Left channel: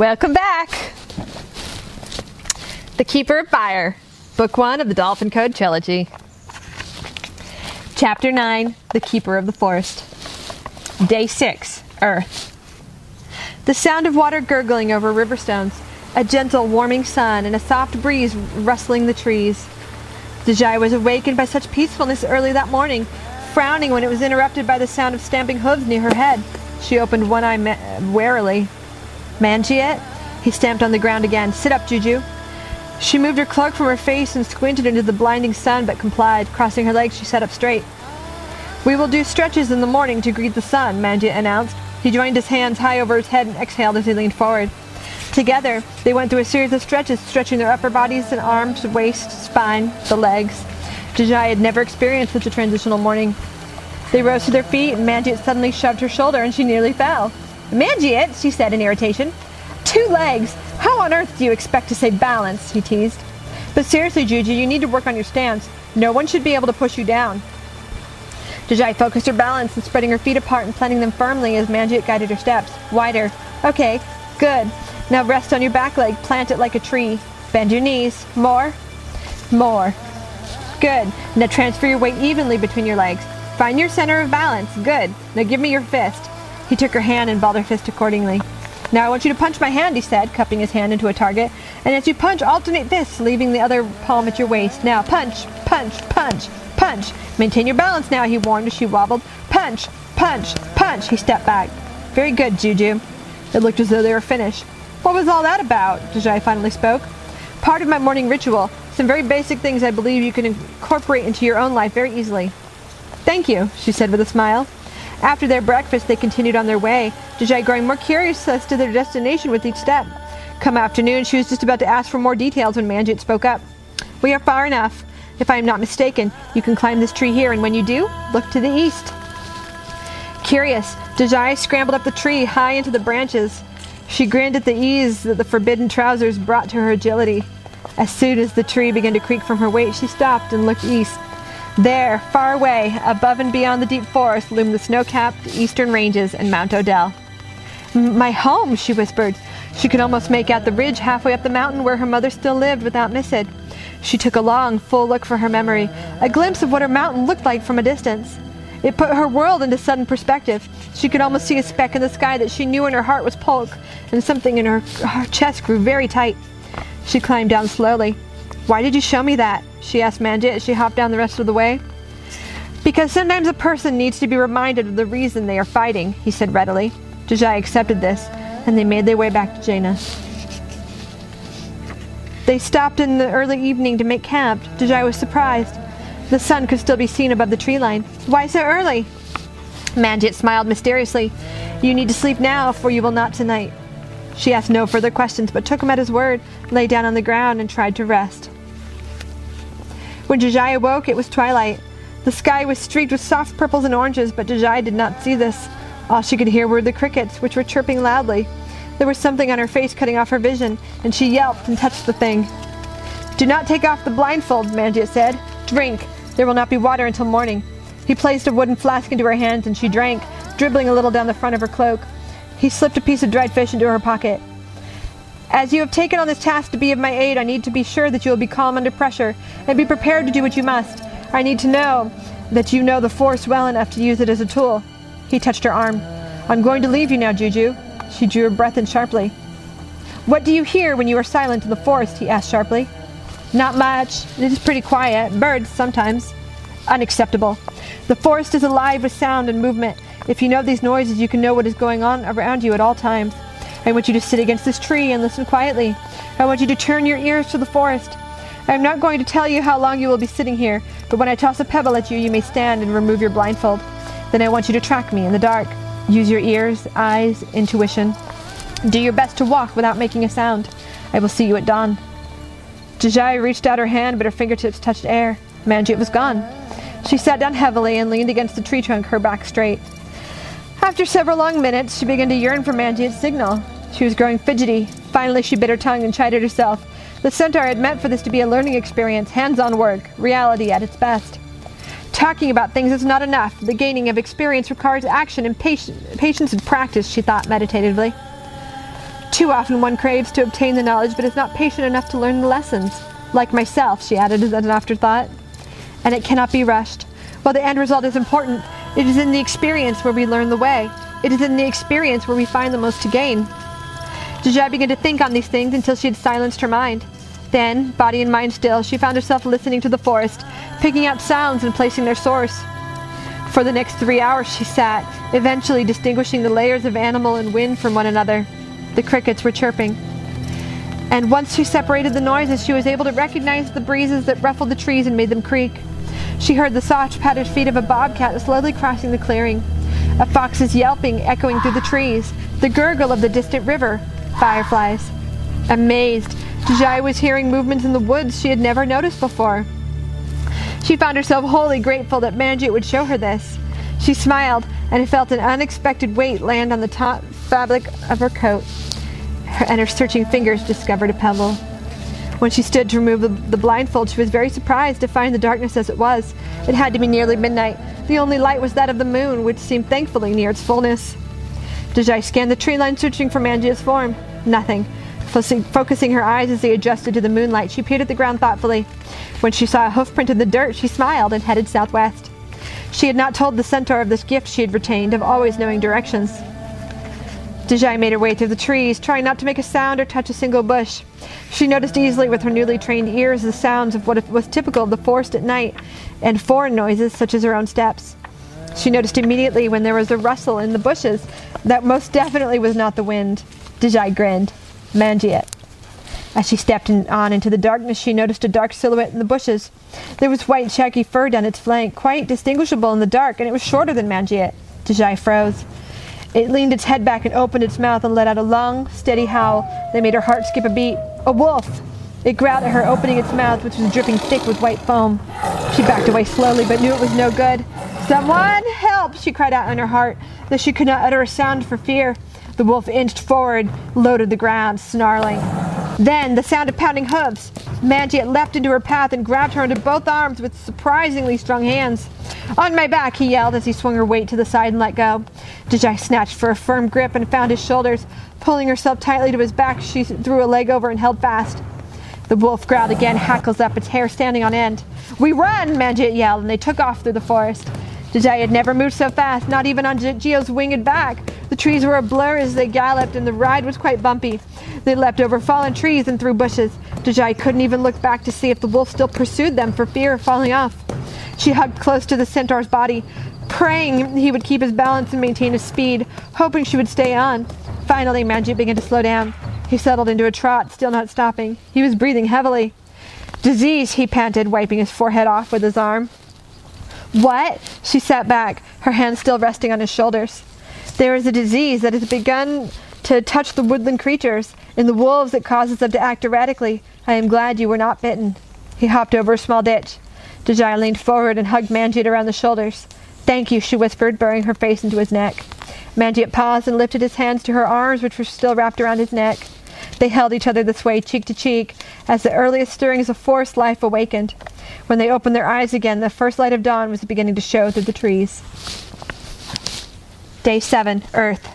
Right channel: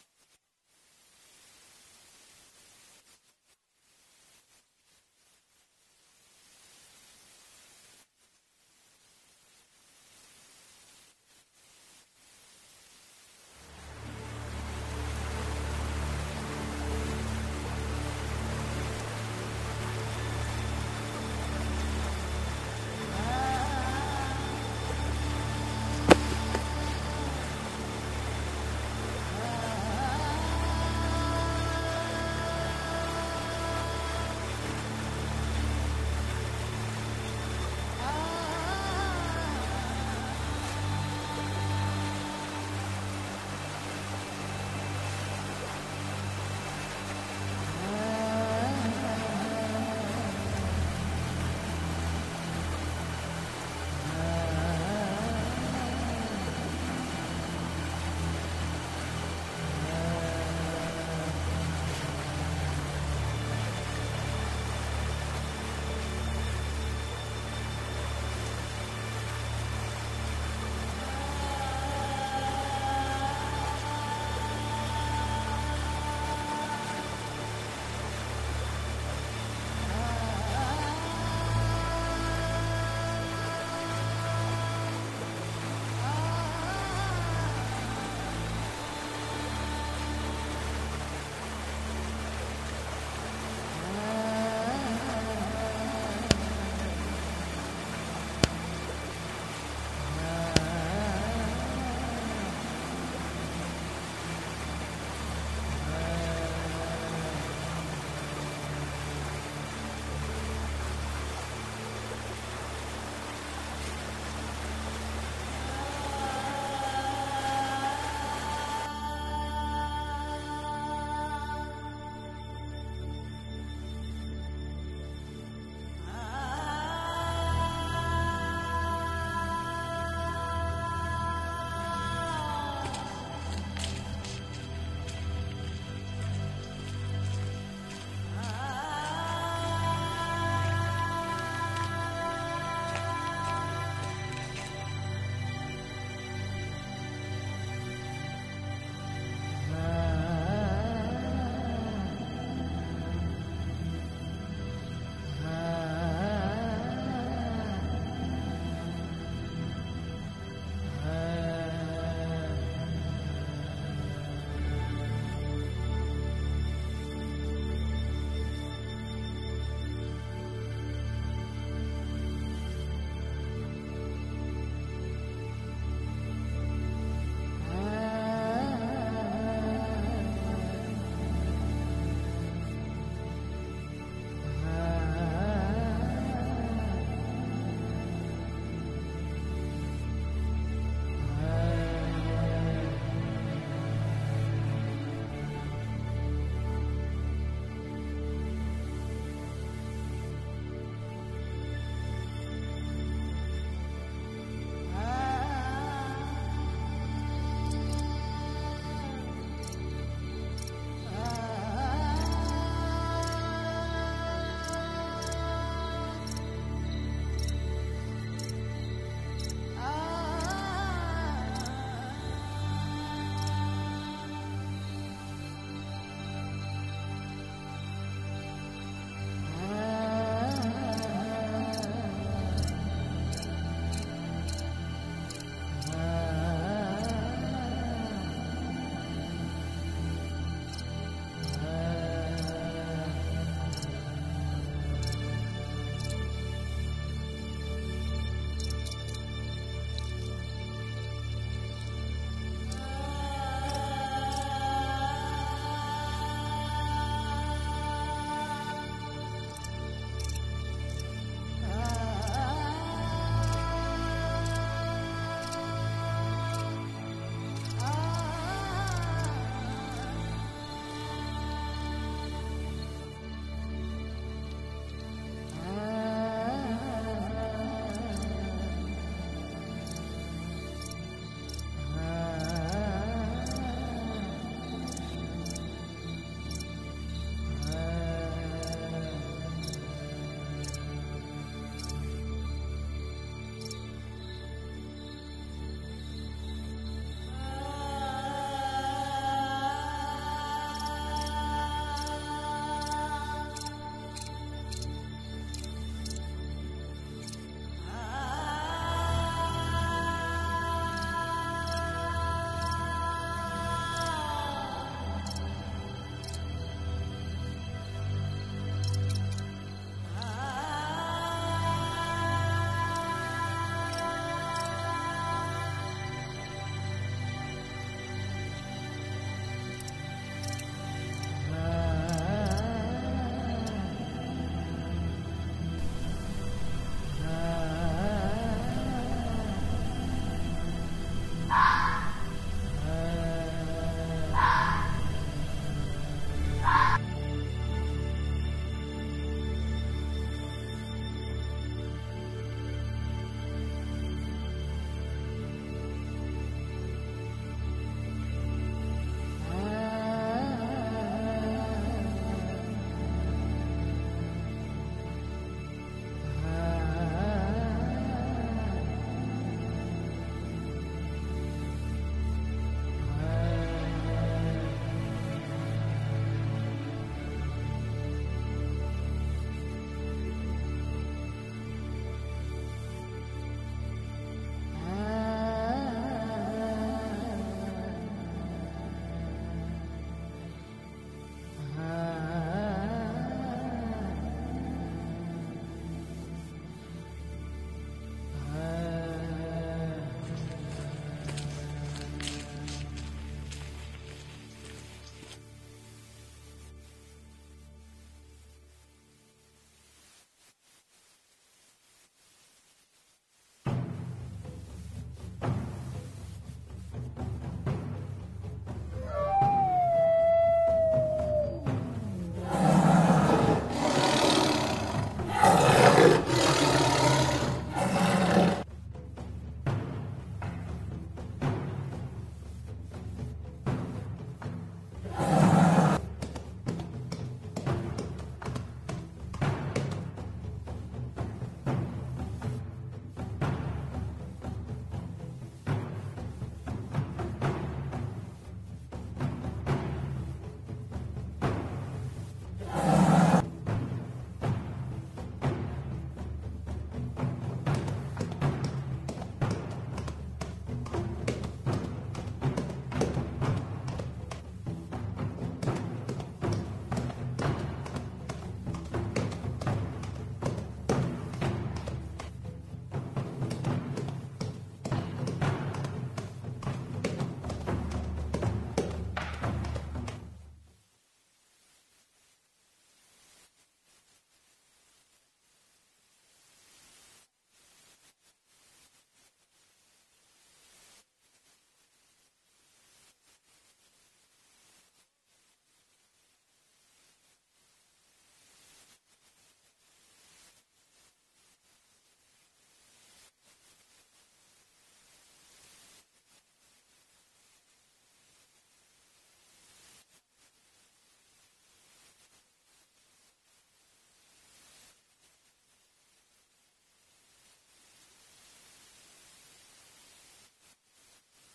Welcome back! The Keeper of Fire, Book 1 of the Dolphin Code Trilogy. Chapter 9, The Keeper of the Forest. Day 6, Earth. The sound of water gurgling over river stones, a gentle warming sun, and a soft breeze rustling the trees. Deiji was awakened by such peacefulness early that morning, frowning when it was interrupted by the sound of stamping hooves near her head. She opened one eye warily. Mangiet? He stamped on the ground again. Sit up, Juju. She moved her cloak from her face and squinted into the blinding sun, but complied. Crossing her legs, she sat up straight. We will do stretches in the morning to greet the sun, Mangiet announced. He joined his hands high over his head and exhaled as he leaned forward. Together, they went through a series of stretches, stretching their upper bodies and arms, waist, spine, the legs. Deiji had never experienced such a transitional morning. They rose to their feet, and Mangiet suddenly shoved her shoulder, and she nearly fell. Mangiet, she said in irritation. 2 legs! How on earth do you expect to say balance? He teased. But seriously, Juju, you need to work on your stance. No one should be able to push you down. Deiji focused her balance and spreading her feet apart and planting them firmly as Mangiet guided her steps. Wider. Okay, good. Now rest on your back leg, plant it like a tree. Bend your knees. More. More. Good. Now transfer your weight evenly between your legs. Find your center of balance. Good. Now give me your fist. He took her hand and balled her fist accordingly. Now I want you to punch my hand, he said, cupping his hand into a target. And as you punch, alternate fists, leaving the other palm at your waist. Now punch, punch, punch, punch. Maintain your balance now, he warned as she wobbled. Punch, punch, punch. He stepped back. Very good, Juju. It looked as though they were finished. What was all that about? Deiji finally spoke. Part of my morning ritual. Some very basic things I believe you can incorporate into your own life very easily. Thank you, she said with a smile. After their breakfast, they continued on their way, Deiji growing more curious as to their destination with each step. Come afternoon, she was just about to ask for more details when Mangiet spoke up. We are far enough. If I am not mistaken, you can climb this tree here, and when you do, look to the east. Curious, Deiji scrambled up the tree high into the branches. She grinned at the ease that the forbidden trousers brought to her agility. As soon as the tree began to creak from her weight, she stopped and looked east. There, far away, above and beyond the deep forest, loomed the snow-capped eastern ranges and Mount Odell. My home, she whispered. She could almost make out the ridge halfway up the mountain where her mother still lived without missing. She took a long, full look for her memory, a glimpse of what her mountain looked like from a distance. It put her world into sudden perspective. She could almost see a speck in the sky that she knew in her heart was Polk, and something in her chest grew very tight. She climbed down slowly. Why did you show me that? She asked Mangiet as she hopped down the rest of the way. Because sometimes a person needs to be reminded of the reason they are fighting, he said readily. Deiji accepted this, and they made their way back to Jaina. They stopped in the early evening to make camp. Deiji was surprised. The sun could still be seen above the tree line. Why so early? Mangiet smiled mysteriously. You need to sleep now, for you will not tonight. She asked no further questions, but took him at his word, lay down on the ground, and tried to rest. When Deiji awoke, it was twilight. The sky was streaked with soft purples and oranges, but Deiji did not see this. All she could hear were the crickets, which were chirping loudly. There was something on her face cutting off her vision, and she yelped and touched the thing. Do not take off the blindfold, Mangiet said. Drink. There will not be water until morning. He placed a wooden flask into her hands, and she drank, dribbling a little down the front of her cloak. He slipped a piece of dried fish into her pocket. As you have taken on this task to be of my aid, I need to be sure that you will be calm under pressure, and be prepared to do what you must. I need to know that you know the force well enough to use it as a tool. He touched her arm. I'm going to leave you now, Juju. She drew her breath in sharply. What do you hear when you are silent in the forest? He asked sharply. Not much. It is pretty quiet. Birds, sometimes. Unacceptable. The forest is alive with sound and movement. If you know these noises, you can know what is going on around you at all times. I want you to sit against this tree and listen quietly. I want you to turn your ears to the forest. I am not going to tell you how long you will be sitting here, but when I toss a pebble at you, you may stand and remove your blindfold. Then I want you to track me in the dark. Use your ears, eyes, intuition. Do your best to walk without making a sound. I will see you at dawn. Deiji reached out her hand, but her fingertips touched air. Mangiet was gone. She sat down heavily and leaned against the tree trunk, her back straight. After several long minutes, she began to yearn for Mangiet's signal. She was growing fidgety. Finally, she bit her tongue and chided herself. The centaur had meant for this to be a learning experience, hands-on work, reality at its best. Talking about things is not enough. The gaining of experience requires action and patience and practice, she thought meditatively. Too often one craves to obtain the knowledge, but is not patient enough to learn the lessons. Like myself, she added as an afterthought. And it cannot be rushed. While the end result is important, it is in the experience where we learn the way. It is in the experience where we find the most to gain. Deiji began to think on these things until she had silenced her mind. Then, body and mind still, she found herself listening to the forest, picking out sounds and placing their source. For the next 3 hours she sat, eventually distinguishing the layers of animal and wind from one another. The crickets were chirping. And once she separated the noises, she was able to recognize the breezes that ruffled the trees and made them creak. She heard the soft padded feet of a bobcat slowly crossing the clearing, a fox's yelping echoing through the trees, the gurgle of the distant river, fireflies. Amazed, Deiji was hearing movements in the woods she had never noticed before. She found herself wholly grateful that Manjit would show her this. She smiled and felt an unexpected weight land on the taut fabric of her coat, and her searching fingers discovered a pebble. When she stood to remove the blindfold, she was very surprised to find the darkness as it was. It had to be nearly midnight. The only light was that of the moon, which seemed thankfully near its fullness. Deiji scanned the tree line, searching for Manjit's form. Nothing. Focusing her eyes as they adjusted to the moonlight, she peered at the ground thoughtfully. When she saw a hoofprint in the dirt, she smiled and headed southwest. She had not told the centaur of this gift she had retained of always knowing directions. Deiji made her way through the trees, trying not to make a sound or touch a single bush. She noticed easily with her newly trained ears the sounds of what was typical of the forest at night, and foreign noises such as her own steps. She noticed immediately when there was a rustle in the bushes that most definitely was not the wind. Deiji grinned. Manjit. As she stepped on into the darkness, she noticed a dark silhouette in the bushes. There was white, shaggy fur down its flank, quite distinguishable in the dark, and it was shorter than Manjit. Deiji froze. It leaned its head back and opened its mouth and let out a long, steady howl that made her heart skip a beat. A wolf! It growled at her, opening its mouth, which was dripping thick with white foam. She backed away slowly, but knew it was no good. "Someone help!" she cried out in her heart, though she could not utter a sound for fear. The wolf inched forward, low to the ground, snarling. Then, the sound of pounding hooves. Manjit leapt into her path and grabbed her into both arms with surprisingly strong hands. "On my back," he yelled as he swung her weight to the side and let go. Deiji snatched for a firm grip and found his shoulders. Pulling herself tightly to his back, she threw a leg over and held fast. The wolf growled again, hackles up, its hair standing on end. "We run!" Manjit yelled, and they took off through the forest. Deiji had never moved so fast, not even on Gio's winged back. The trees were a blur as they galloped, and the ride was quite bumpy. They leapt over fallen trees and through bushes. Deiji couldn't even look back to see if the wolf still pursued them for fear of falling off. She hugged close to the centaur's body, praying he would keep his balance and maintain his speed, hoping she would stay on. Finally, Manjit began to slow down. He settled into a trot, still not stopping. He was breathing heavily. "Disease," he panted, wiping his forehead off with his arm. "What?" She sat back, her hands still resting on his shoulders. "There is a disease that has begun to touch the woodland creatures. In the wolves it causes them to act erratically. I am glad you were not bitten." He hopped over a small ditch. Deiji leaned forward and hugged Manjit around the shoulders. "Thank you," she whispered, burying her face into his neck. Manjit paused and lifted his hands to her arms, which were still wrapped around his neck. They held each other this way, cheek to cheek, as the earliest stirrings of forest life awakened. When they opened their eyes again, the first light of dawn was beginning to show through the trees. Day 7, Earth.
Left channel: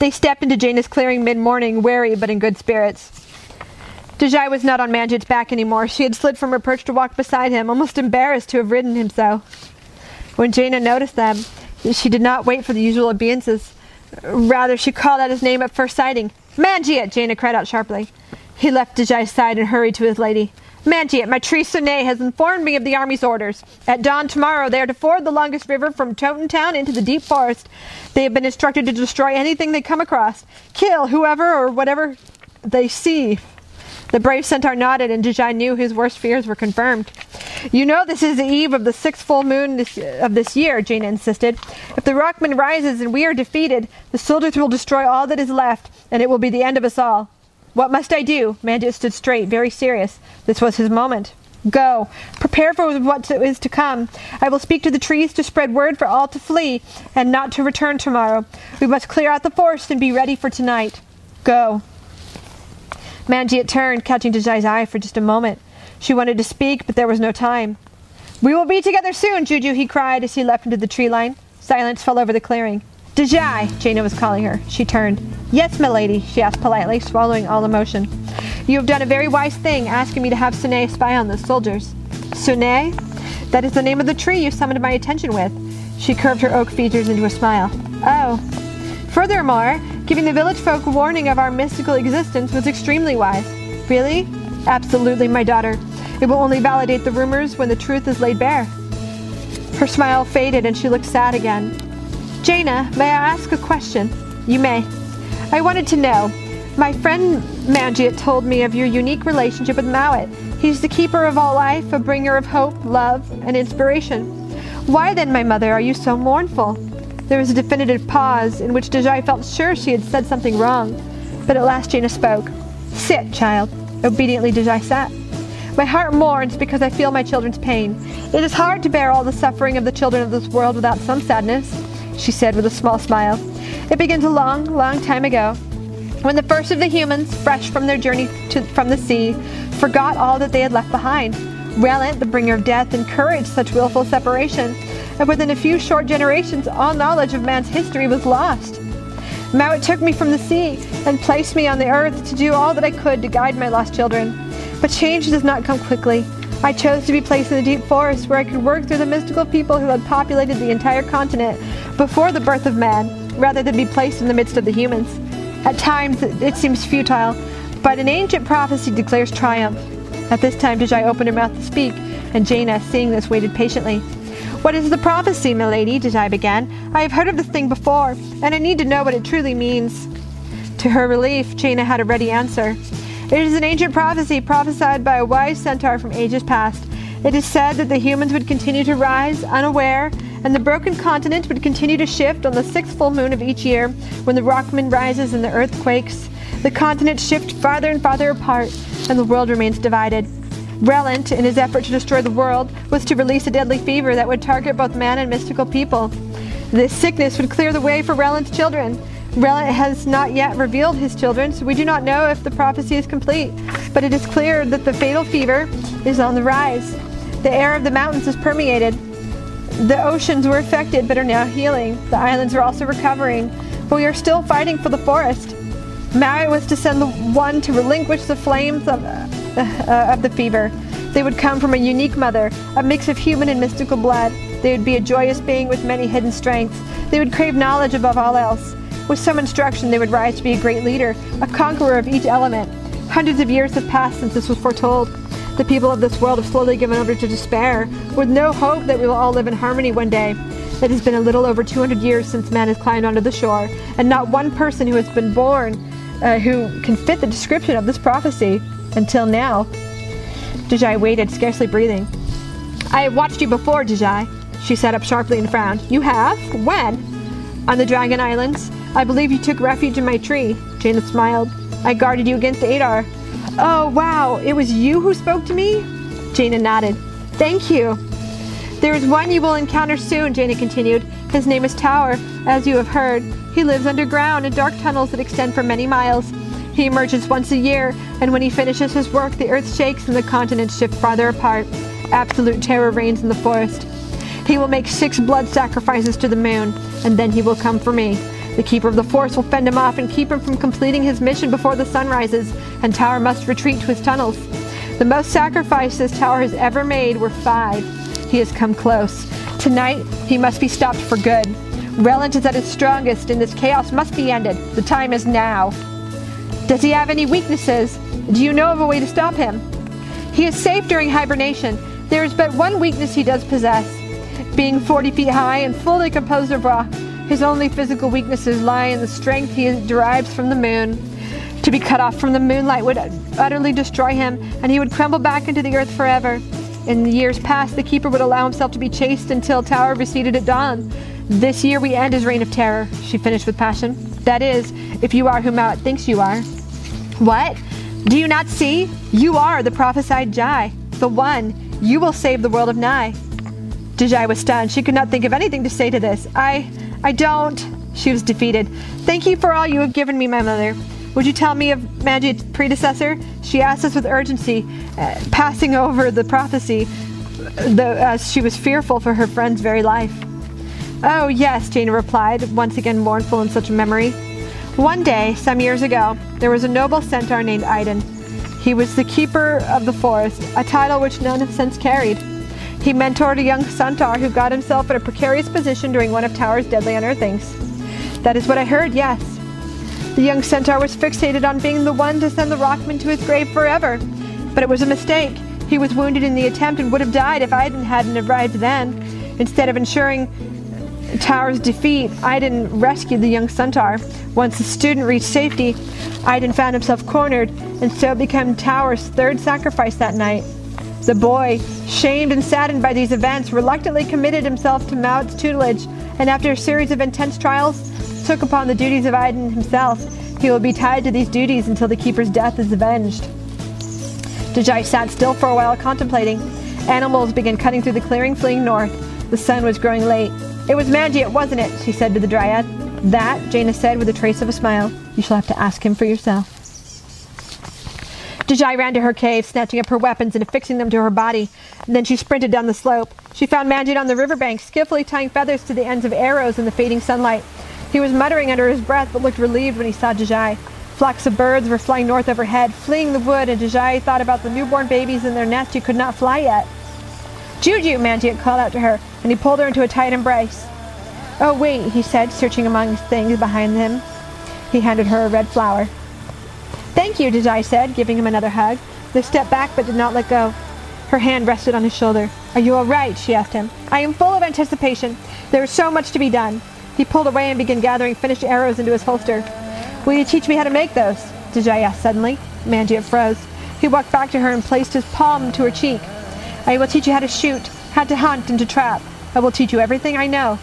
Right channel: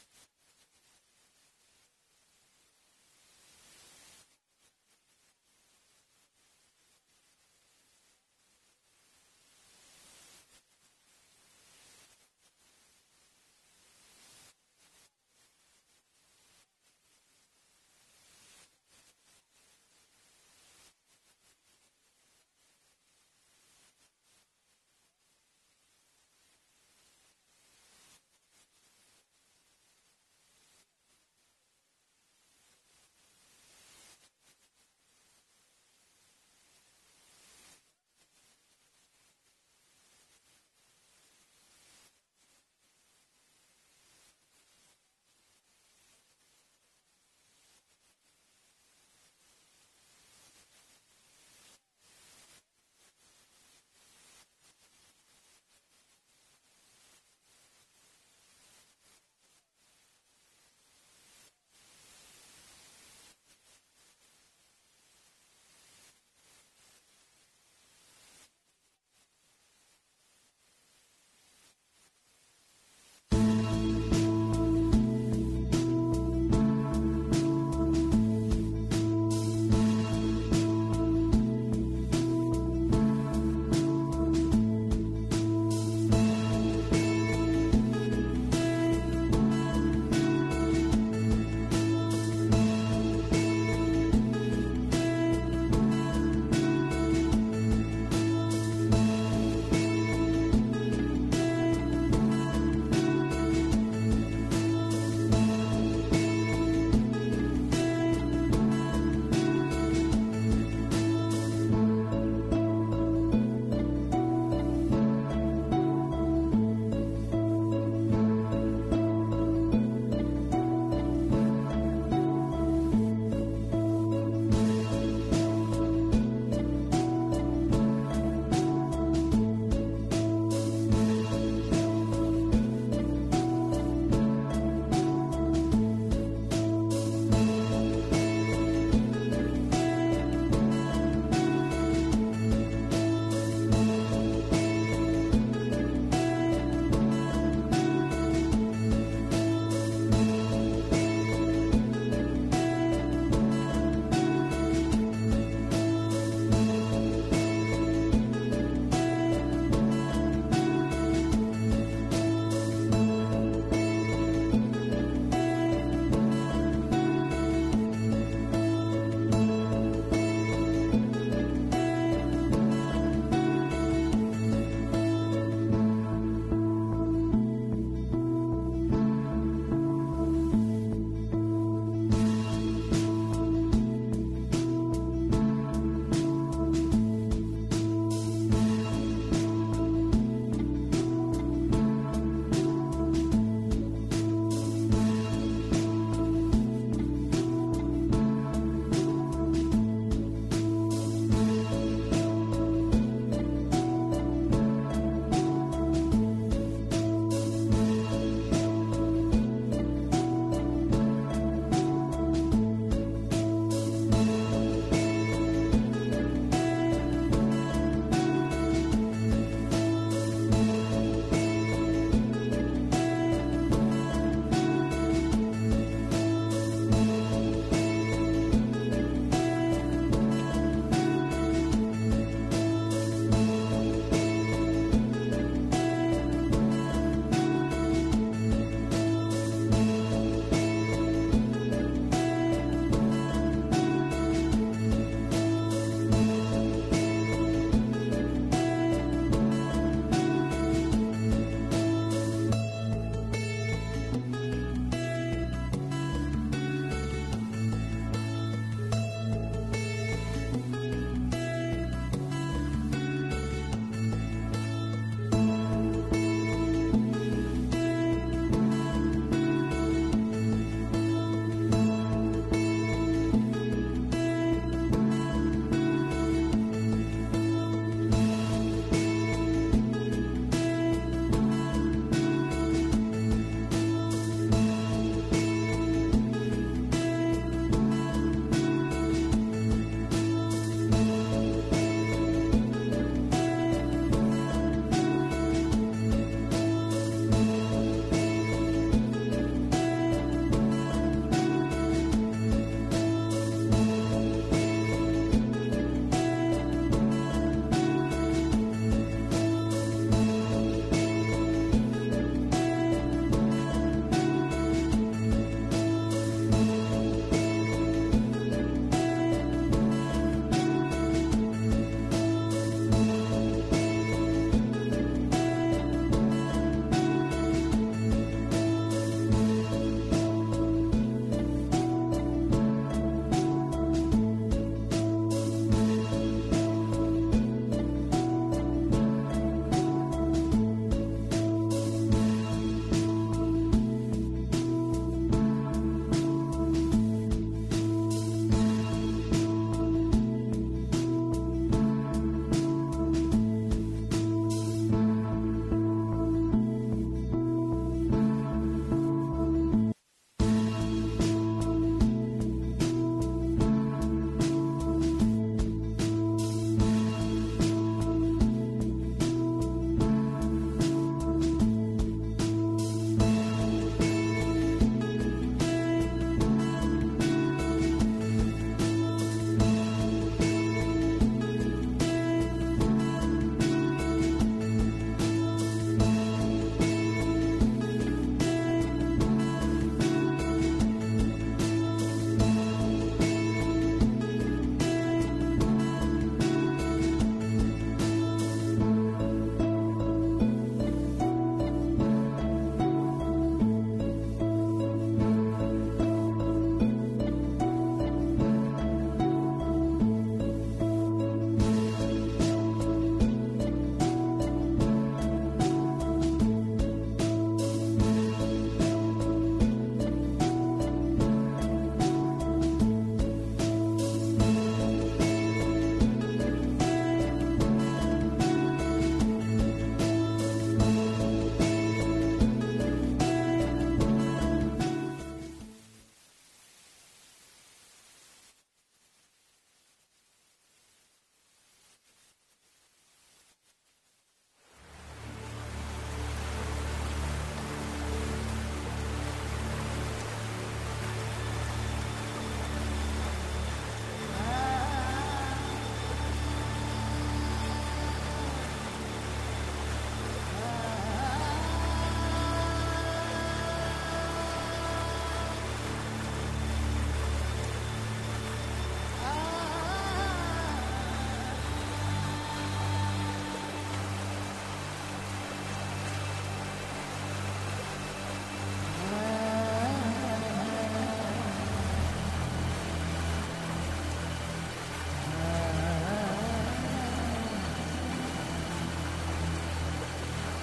They stepped into Jaina's clearing mid-morning, wary but in good spirits. Deiji was not on Manjit's back anymore. She had slid from her perch to walk beside him, almost embarrassed to have ridden him so. When Jaina noticed them, she did not wait for the usual obeisances. Rather, she called out his name at first sighting. "Manjit!" Jaina cried out sharply. He left Dejai's side and hurried to his lady. "Manjit, my tree Sunay has informed me of the army's orders. At dawn tomorrow they are to ford the longest river from Toten Town into the deep forest. They have been instructed to destroy anything they come across. Kill whoever or whatever they see." The brave centaur nodded, and Deiji knew his worst fears were confirmed. "You know this is the eve of the 6th full moon of this year," Jaina insisted. "If the Rockman rises and we are defeated, the soldiers will destroy all that is left, and it will be the end of us all." "What must I do?" Manjit stood straight, very serious. This was his moment. "Go. Prepare for what is to come. I will speak to the trees to spread word for all to flee, and not to return tomorrow. We must clear out the forest and be ready for tonight. Go." Manjit turned, catching Dejai's eye for just a moment. She wanted to speak, but there was no time. "We will be together soon, Juju," he cried as he leapt into the tree line. Silence fell over the clearing. Deiji, Jaina was calling her. She turned. Yes, milady, she asked politely, swallowing all emotion. You have done a very wise thing, asking me to have Sune spy on those soldiers. Sune? That is the name of the tree you summoned my attention with. She curved her oak features into a smile. Oh. Furthermore, giving the village folk warning of our mystical existence was extremely wise. Really? Absolutely, my daughter. It will only validate the rumors when the truth is laid bare. Her smile faded and she looked sad again. Jaina, may I ask a question? You may. I wanted to know. My friend Mowat told me of your unique relationship with Mowat. He's the keeper of all life, a bringer of hope, love, and inspiration. Why then, my mother, are you so mournful? There was a definitive pause in which Deiji felt sure she had said something wrong. But at last Jaina spoke. Sit, child. Obediently Deiji sat. My heart mourns because I feel my children's pain. It is hard to bear all the suffering of the children of this world without some sadness, she said with a small smile. It begins a long, long time ago, when the first of the humans, fresh from their journey from the sea, forgot all that they had left behind. Relant, the bringer of death, encouraged such willful separation, and within a few short generations, all knowledge of man's history was lost. Mowat took me from the sea and placed me on the earth to do all that I could to guide my lost children. But change does not come quickly. I chose to be placed in the deep forest where I could work through the mystical people who had populated the entire continent before the birth of man, rather than be placed in the midst of the humans. At times, it seems futile, but an ancient prophecy declares triumph. At this time, Deiji opened her mouth to speak, and Jaina, seeing this, waited patiently. What is the prophecy, milady? Deiji began. I have heard of this thing before, and I need to know what it truly means. To her relief, Jaina had a ready answer. It is an ancient prophecy prophesied by a wise centaur from ages past. It is said that the humans would continue to rise, unaware, and the broken continent would continue to shift on the 6th full moon of each year when the rock moon rises and the earth quakes. The continents shift farther and farther apart, and the world remains divided. Relant, in his effort to destroy the world, was to release a deadly fever that would target both man and mystical people. This sickness would clear the way for Relant's children. Relant has not yet revealed his children, so we do not know if the prophecy is complete, but it is clear that the fatal fever is on the rise. The air of the mountains is permeated. The oceans were affected but are now healing. The islands are also recovering, but we are still fighting for the forest. Mowat was to send the one to relinquish the flames of the fever. They would come from a unique mother, a mix of human and mystical blood. They would be a joyous being with many hidden strengths. They would crave knowledge above all else. With some instruction, they would rise to be a great leader, a conqueror of each element. Hundreds of years have passed since this was foretold. The people of this world have slowly given over to despair, with no hope that we will all live in harmony one day. It has been a little over 200 years since man has climbed onto the shore, and not one person who has been born who can fit the description of this prophecy until now. Deiji waited, scarcely breathing. I have watched you before, Deiji. She sat up sharply and frowned. You have? When? On the Dragon Islands. I believe you took refuge in my tree. Jaina smiled. I guarded you against Adar. Oh, wow. It was you who spoke to me? Jaina nodded. Thank you. There is one you will encounter soon, Jaina continued. His name is Tower, as you have heard. He lives underground in dark tunnels that extend for many miles. He emerges once a year, and when he finishes his work, the earth shakes and the continents shift farther apart. Absolute terror reigns in the forest. He will make 6 blood sacrifices to the moon, and then he will come for me. The keeper of the forest will fend him off and keep him from completing his mission before the sun rises, and Tower must retreat to his tunnels. The most sacrifices Tower has ever made were 5. He has come close. Tonight, he must be stopped for good. Relant is at his strongest, and this chaos must be ended. The time is now. Does he have any weaknesses? Do you know of a way to stop him? He is safe during hibernation. There is but one weakness he does possess. Being 40 feet high and fully composed of rock, his only physical weaknesses lie in the strength he derives from the moon. To be cut off from the moonlight would utterly destroy him, and he would crumble back into the earth forever. In the years past, the keeper would allow himself to be chased until Tower receded at dawn. This year we end his reign of terror, she finished with passion. That is, if you are who Mowat thinks you are. What? Do you not see? You are the prophesied Jai, the one. You will save the world of Nigh. Deiji was stunned. She could not think of anything to say to this. I don't. She was defeated. Thank you for all you have given me, my mother. Would you tell me of Mowat's predecessor? She asked us with urgency, passing over the prophecy, as she was fearful for her friend's very life. Oh, yes, Jaina replied, once again mournful in such memory. One day, some years ago, there was a noble centaur named Aiden. He was the keeper of the forest, a title which none have since carried. He mentored a young centaur who got himself in a precarious position during one of Tower's deadly unearthings. That is what I heard, yes. The young centaur was fixated on being the one to send the rockman to his grave forever. But it was a mistake. He was wounded in the attempt and would have died if Aiden hadn't arrived then. Instead of ensuring Tower's defeat, Aiden rescued the young centaur. Once the student reached safety, Aiden found himself cornered and so became Tower's third sacrifice that night. The boy, shamed and saddened by these events, reluctantly committed himself to Mowat's tutelage, and after a series of intense trials, took upon the duties of Aiden himself. He will be tied to these duties until the keeper's death is avenged. Deiji sat still for a while contemplating. Animals began cutting through the clearing, fleeing north. The sun was growing late. It was Manjiet, wasn't it? She said to the dryad. That, Jaina said with a trace of a smile. You shall have to ask him for yourself. Deiji ran to her cave, snatching up her weapons and affixing them to her body. And then she sprinted down the slope. She found Manjiet on the riverbank, skillfully tying feathers to the ends of arrows in the fading sunlight. He was muttering under his breath, but looked relieved when he saw Deiji. Flocks of birds were flying north overhead, fleeing the wood, and Deiji thought about the newborn babies in their nest who could not fly yet. Juju, Manjiet called out to her, and he pulled her into a tight embrace. Oh, wait, he said, searching among things behind him. He handed her a red flower. Thank you, Deiji said, giving him another hug. They stepped back but did not let go. Her hand rested on his shoulder. Are you all right? She asked him. I am full of anticipation. There is so much to be done. He pulled away and began gathering finished arrows into his holster. Will you teach me how to make those? Deiji asked suddenly. Manjiet froze. He walked back to her and placed his palm to her cheek. I will teach you how to shoot, how to hunt, and to trap. I will teach you everything I know.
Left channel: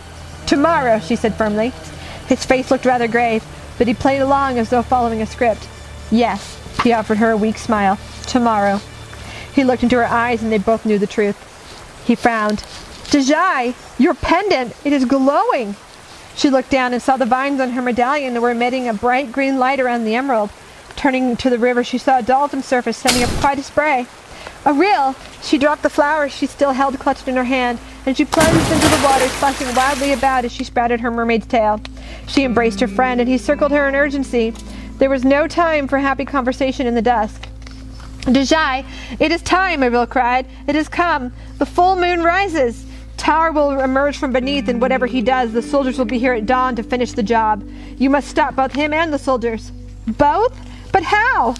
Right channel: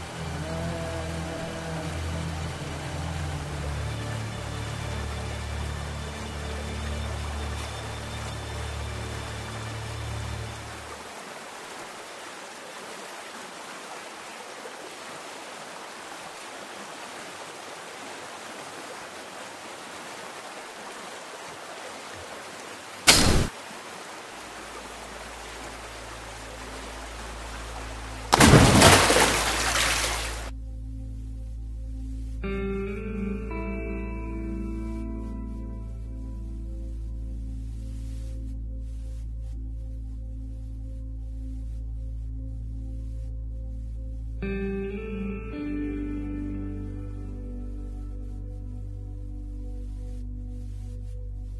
Tomorrow, she said firmly. His face looked rather grave, but he played along as though following a script. Yes, he offered her a weak smile. Tomorrow. He looked into her eyes and they both knew the truth. He frowned. Deiji, your pendant, it is glowing. She looked down and saw the vines on her medallion were emitting a bright green light around the emerald. Turning to the river, she saw a dolphin surface, sending up quite a spray. A reel! She dropped the flowers she still held clutched in her hand, and she plunged into the water, splashing wildly about as she sprouted her mermaid's tail. She embraced her friend, and he circled her in urgency. There was no time for happy conversation in the dusk. Deiji, it is time, Erbil cried. It has come. The full moon rises. Tower will emerge from beneath, and whatever he does, the soldiers will be here at dawn to finish the job. You must stop both him and the soldiers. Both? But how?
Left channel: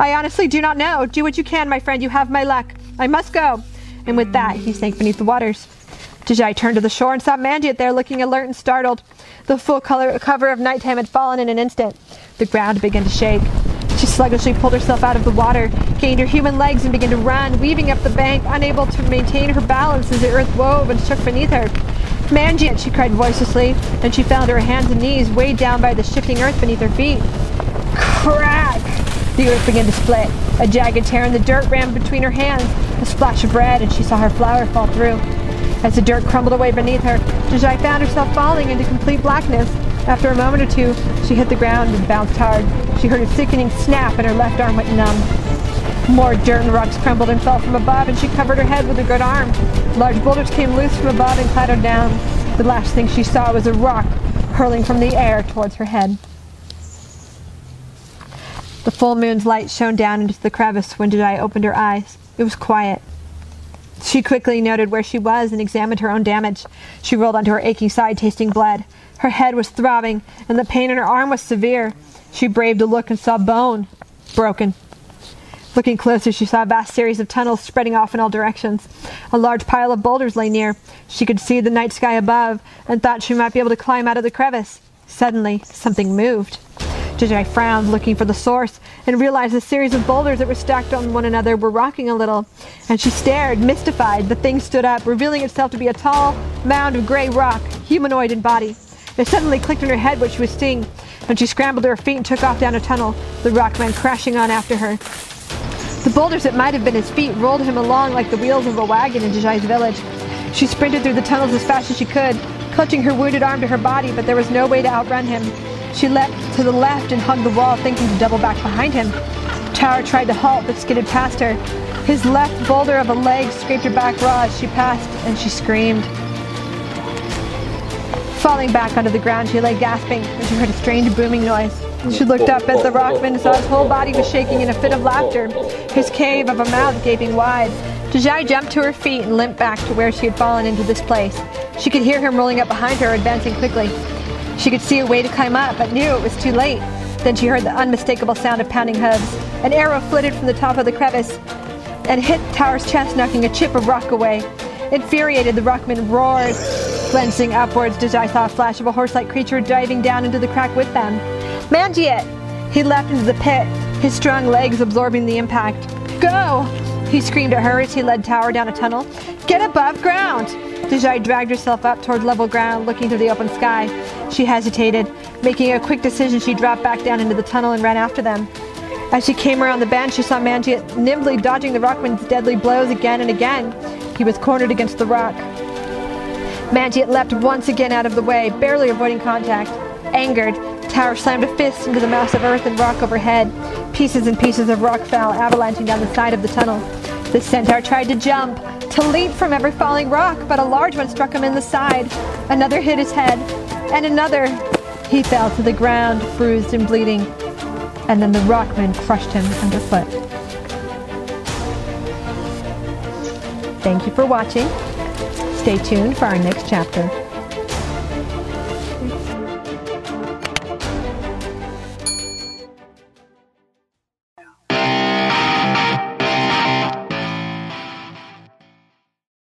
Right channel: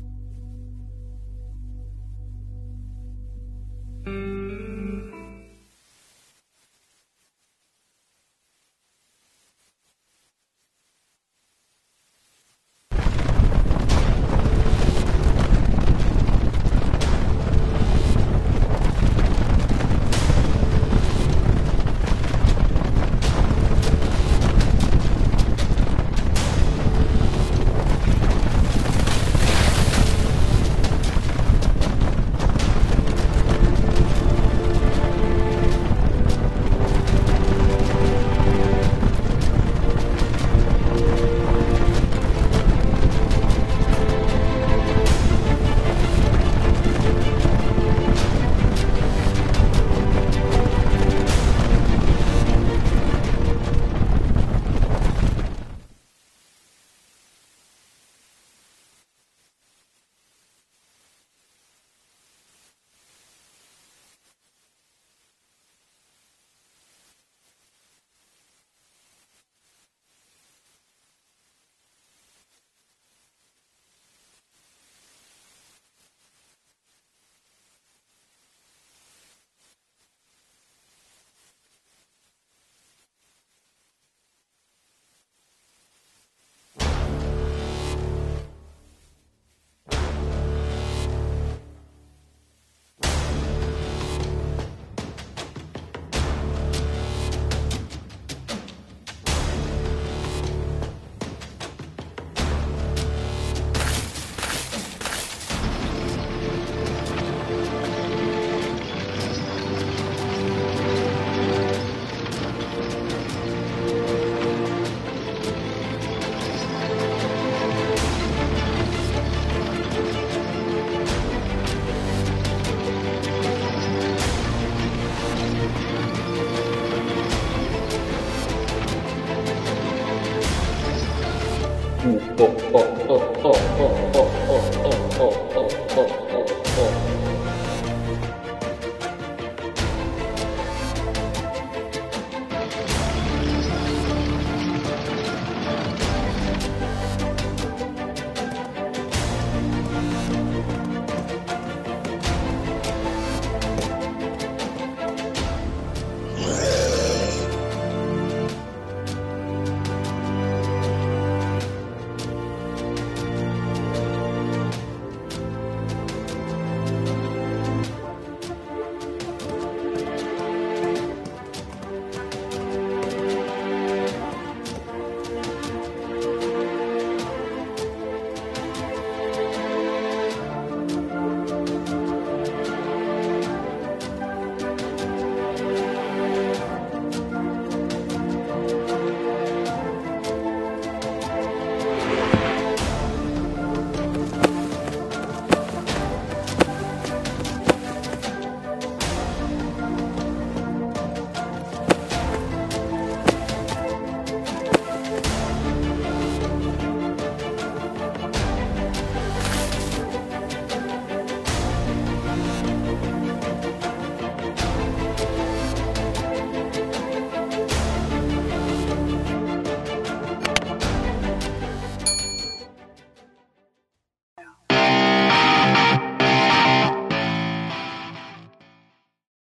I honestly do not know. Do what you can, my friend. You have my luck. I must go. And with that, he sank beneath the waters. Deiji turned to the shore and saw Manjiet there looking alert and startled. The full cover of nighttime had fallen in an instant. The ground began to shake. She sluggishly pulled herself out of the water, gained her human legs and began to run, weaving up the bank, unable to maintain her balance as the earth wove and shook beneath her. Manjiet, she cried voicelessly, and she fell to her hands and knees, weighed down by the shifting earth beneath her feet. Crack! The earth began to split. A jagged tear in the dirt ran between her hands. A splash of red, and she saw her flower fall through. As the dirt crumbled away beneath her, Deiji found herself falling into complete blackness. After a moment or two, she hit the ground and bounced hard. She heard a sickening snap and her left arm went numb. More dirt and rocks crumbled and fell from above, and she covered her head with her good arm. Large boulders came loose from above and clattered down. The last thing she saw was a rock hurling from the air towards her head. The full moon's light shone down into the crevice when Deiji opened her eyes. It was quiet. She quickly noted where she was and examined her own damage. She rolled onto her aching side, tasting blood. Her head was throbbing, and the pain in her arm was severe. She braved a look and saw bone. Broken. Looking closer, she saw a vast series of tunnels spreading off in all directions. A large pile of boulders lay near. She could see the night sky above, and thought she might be able to climb out of the crevice. Suddenly, something moved. Deiji frowned, looking for the source, and realized a series of boulders that were stacked on one another were rocking a little. And she stared, mystified. The thing stood up, revealing itself to be a tall mound of gray rock, humanoid in body. It suddenly clicked in her head what she was seeing, and she scrambled to her feet and took off down a tunnel. The rock ran crashing on after her. The boulders that might have been his feet rolled him along like the wheels of a wagon in Dejai's village. She sprinted through the tunnels as fast as she could, clutching her wounded arm to her body, but there was no way to outrun him. She leapt to the left and hugged the wall, thinking to double back behind him. Tower tried to halt, but skidded past her. His left boulder of a leg scraped her back raw as she passed, and she screamed. Falling back onto the ground, she lay gasping as she heard a strange booming noise. She looked up as the rockman saw his whole body was shaking in a fit of laughter, his cave of a mouth gaping wide. Deiji jumped to her feet and limped back to where she had fallen into this place. She could hear him rolling up behind her, advancing quickly. She could see a way to climb up, but knew it was too late. Then she heard the unmistakable sound of pounding hooves. An arrow flitted from the top of the crevice and hit the tower's chest, knocking a chip of rock away. Infuriated, the rockman roared. Glancing upwards, Deiji saw a flash of a horse-like creature diving down into the crack with them. Mangiate! He leapt into the pit, his strong legs absorbing the impact. Go! He screamed at her as he led Tower down a tunnel. Get above ground! Deiji dragged herself up toward level ground, looking to the open sky. She hesitated. Making a quick decision, she dropped back down into the tunnel and ran after them. As she came around the bend, she saw Mangiate nimbly dodging the rockman's deadly blows again and again. He was cornered against the rock. Mangiate leapt once again out of the way, barely avoiding contact. Angered, Tower slammed a fist into the mass of earth and rock overhead. Pieces and pieces of rock fell, avalanching down the side of the tunnel. The centaur tried to jump, to leap from every falling rock, but a large one struck him in the side. Another hit his head, and another. He fell to the ground, bruised and bleeding, and then the rockman crushed him underfoot. Thank you for watching. Stay tuned for our next chapter.